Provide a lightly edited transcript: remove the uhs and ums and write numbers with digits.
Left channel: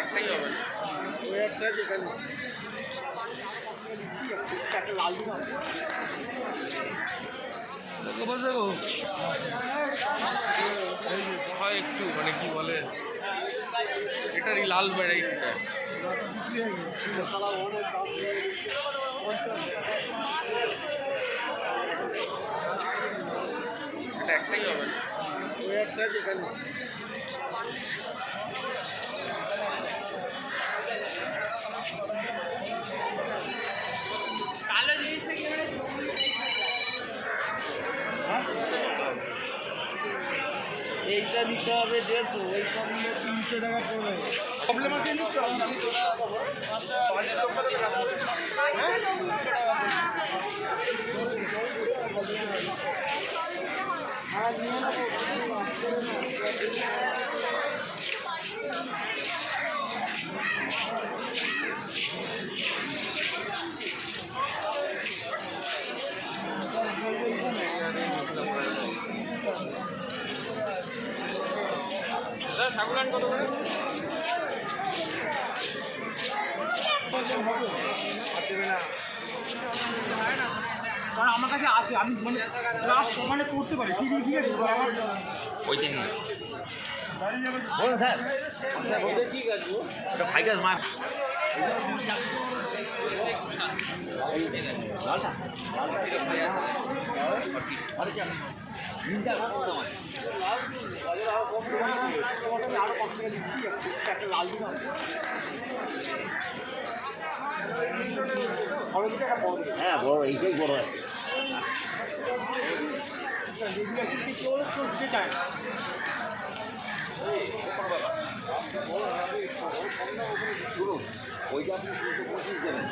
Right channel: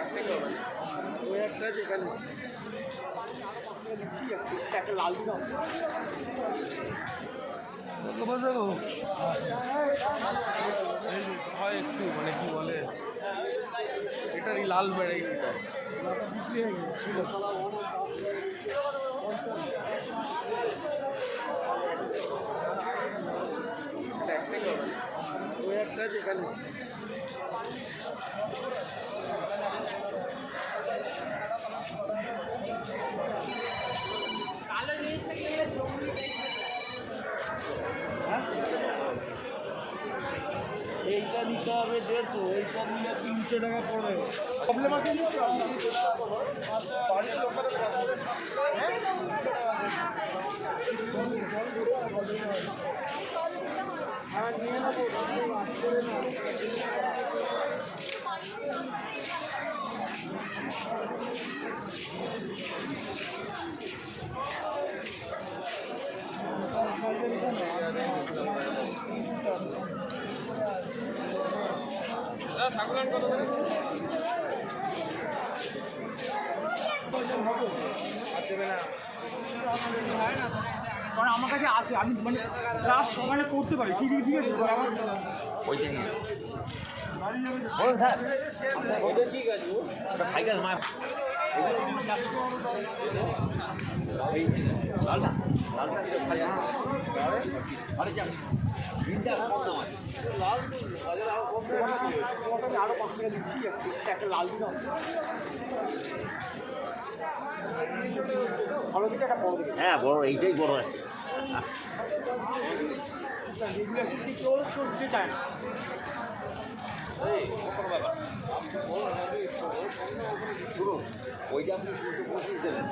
একটাই হবে না ওই একটা যেখানে একটা লাল দিন হয় একটু মানে কি বলে এটারই লাল ভ্যারাইটিটা এটা একটাই হবে না ওই একটা যেখানে এইটা নিতে হবে 150 এই সব নিয়ে 300 টাকা পড়বে প্রবলেম আছে নিতে আমি চেষ্টা করবো বাড়ির লোকের succulent কত করে কারণ আমার কাছে আসে আমি মানে ক্রাফট মানে করতে পারি কি কি দিয়েছি আমার ওই দিন বলুন স্যার আচ্ছা বলতে ঠিক আছে ওটা ফাইকাস মাপ আরো 5 টাকা দিচ্ছি একটা লাল দিন হ্যাঁ বড় এইটাই বড় আছে কেউ দিতে চায় না ওইটা আপনি 225 দেবেন